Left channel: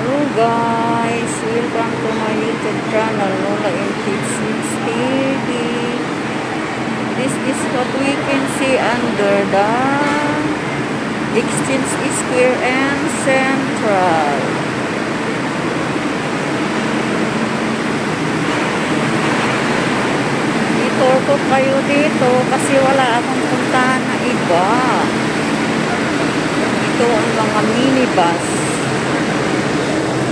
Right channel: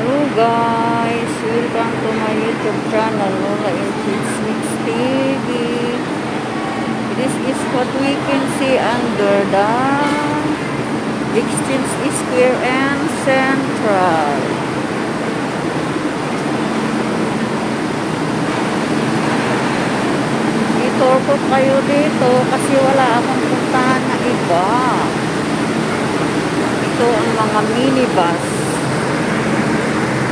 Hello guys, welcome to my YouTube channel, Lola and Kids Mix TV. This is what we can see under the Exchange Square and Central. I-tour ko kayo dito kasi wala akong puntahan na iba. Ito ang mga minibus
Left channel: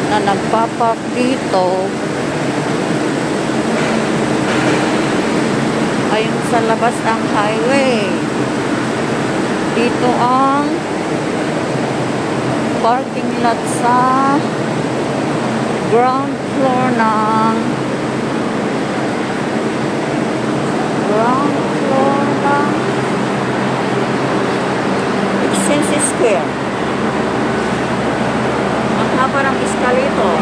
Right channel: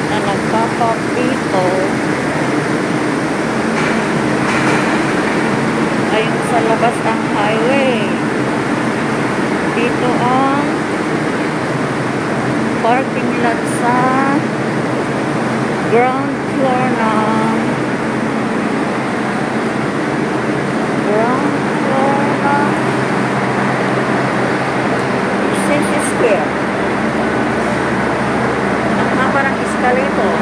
na nagpapark dito. Ayun sa labas ang highway. Dito ang parking lot sa ground floor ng Exchange Square. Ang haba ng escalator.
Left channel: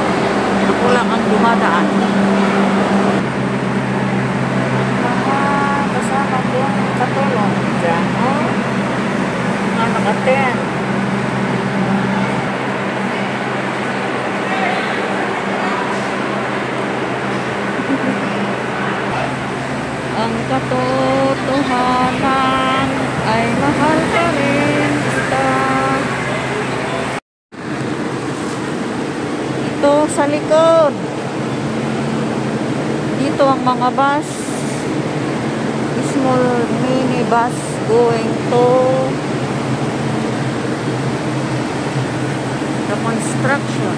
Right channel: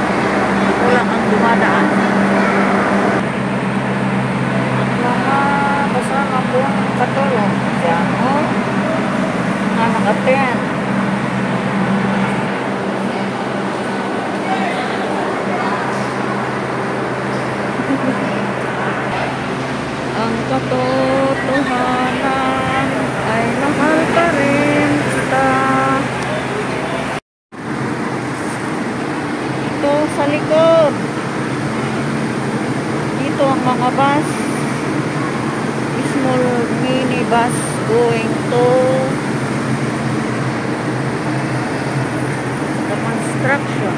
Ako lang ang dumadaan. Mga kasama kong katulong dyan, oh. Mga naka-10. Ang katotohanan ay mahal pa rin kita. Ito sa likod. Dito ang mga bus. Small mini bus going to the construction.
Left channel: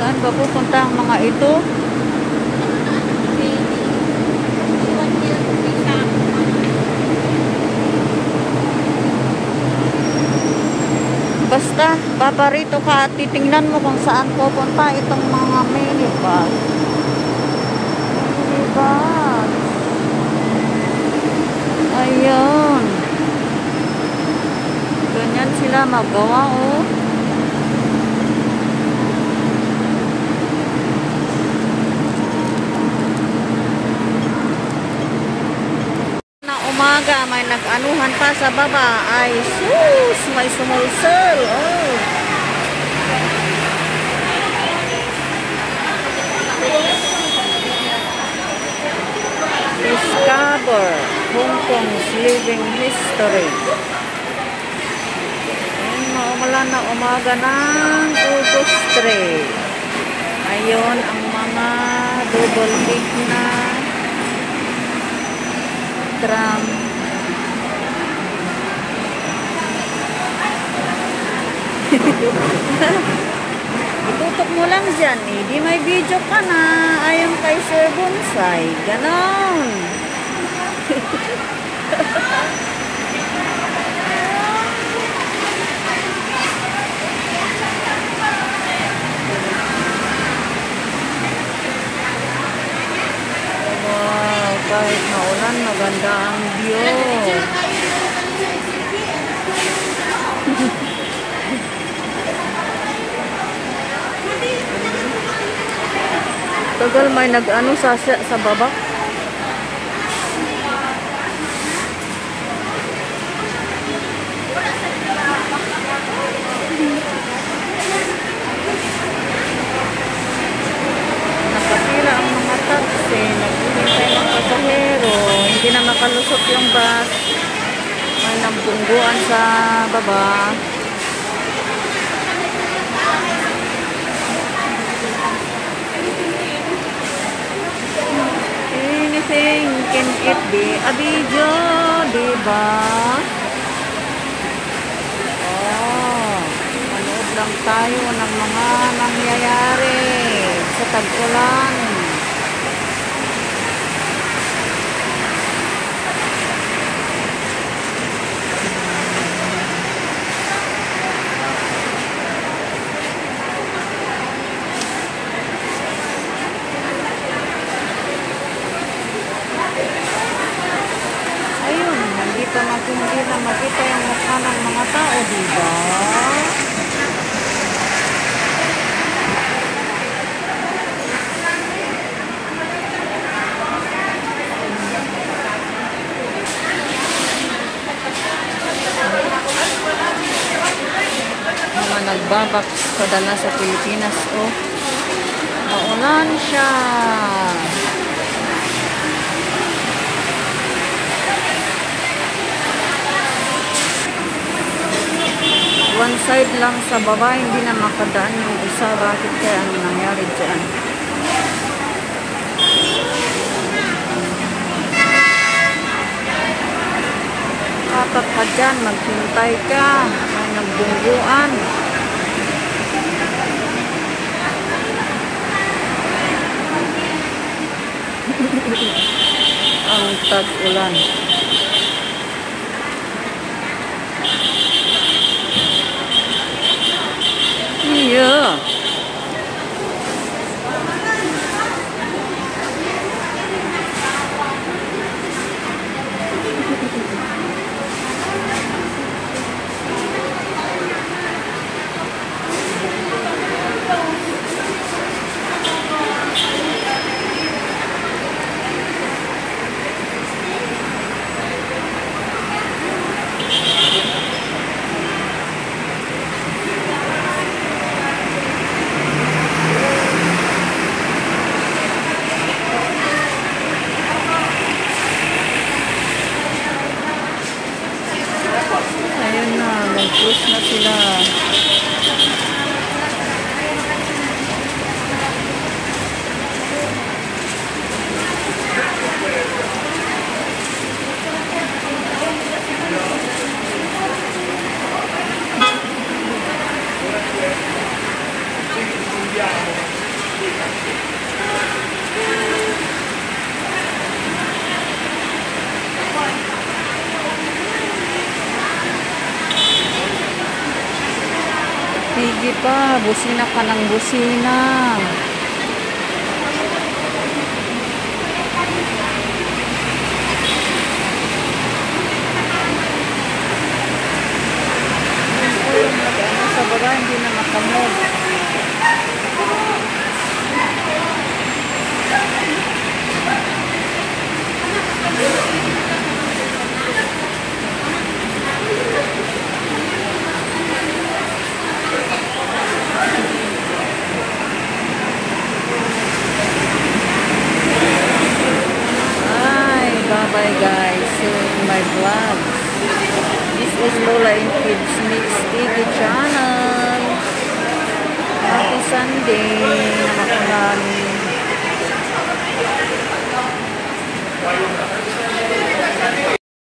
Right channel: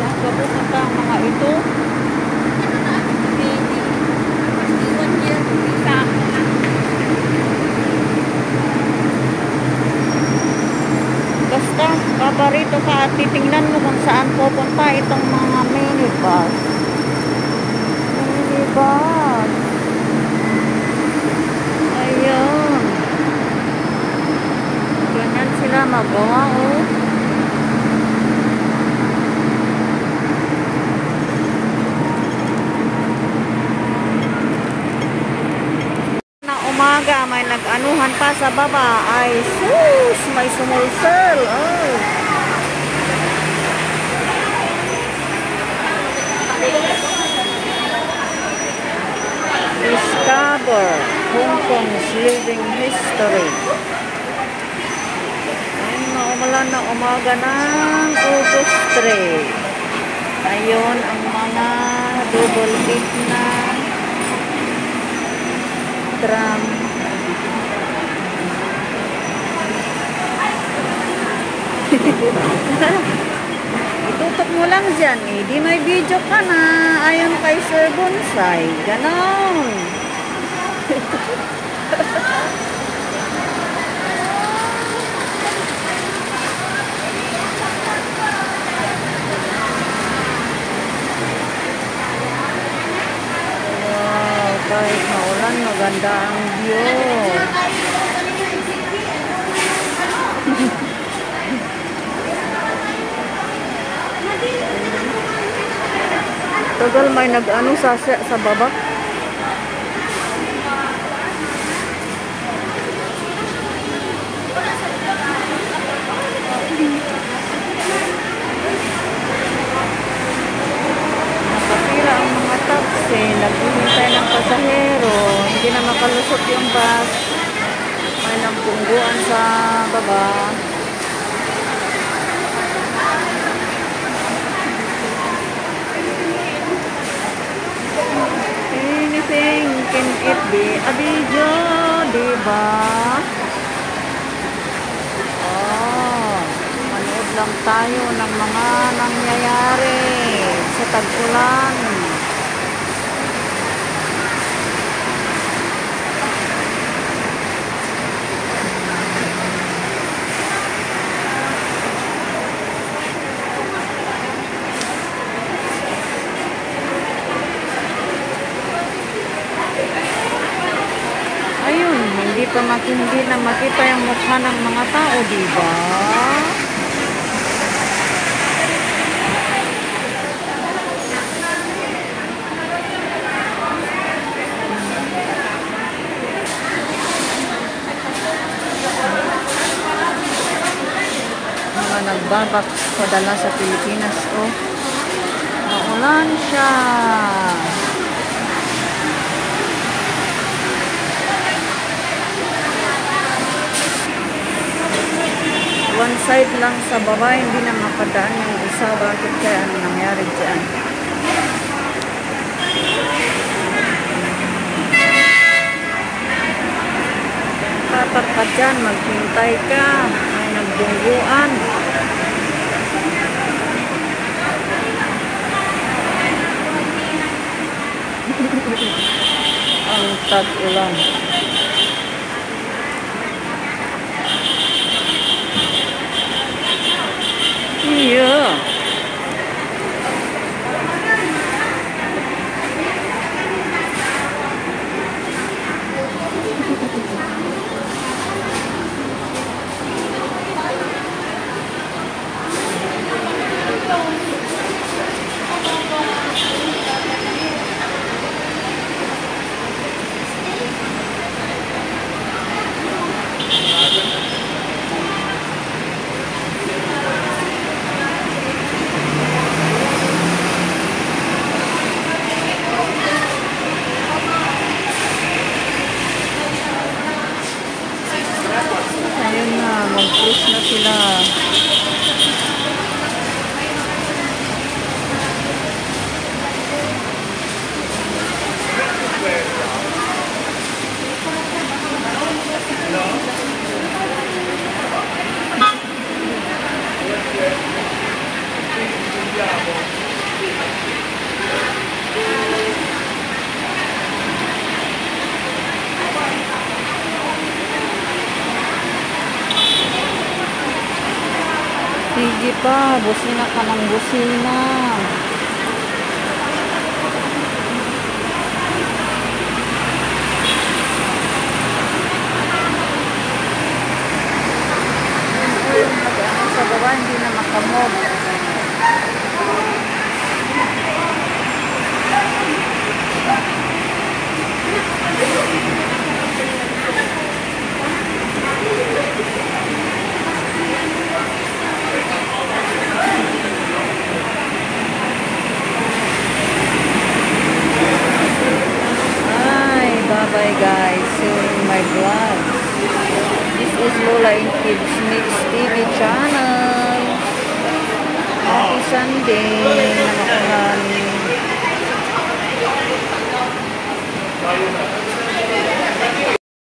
Saan ba pupunta ang mga ito? Basta, paparito ka at titingnan mo kung saan pupunta itong mga minibus. Minibus. Ayun. Ganyan sila magawa, oh. Umaga, may nag-anuhan pa sa baba. Ay, sus! May sumulsel. Oh. Discover Hong Kong's living history. Ayan, maumala na umaga ng August 3. Ayun ang mga double deck na tram. Itutok mo lang dyan eh. Di may video ka na. Ayon kay Sir Bonsai. Ganon. Kahit maulan, maganda ang view. Tagal may nag-ano sa baba. Nakapila ang mga taxi, naghihintay ng pasahero, hindi na makalusot yung bus. May nabungguan sa baba. Anything can it be a video, diba? Oh, manood lang tayo ng mga nangyayari sa tag-ulan. Hindi na makita yung mukha ng mga tao, diba? nagbabak padala sa Pilipinas. Oh, maulan siya. One side lang sa baba, hindi na makadaan yung isa. Bakit kaya? Anong nangyari dyan? Katat ka dyan, maghintay ka. May nagbungguan. Ang tag-ulan. Iya. Ayun na, mag-cruise na sila. Sige pa, busina ka ng busina. Yung nag-ano sa baba, hindi na makamog. Bye guys, see you in my vlog. This is Lola and Kids Mix TV channel. Happy Sunday na makulan.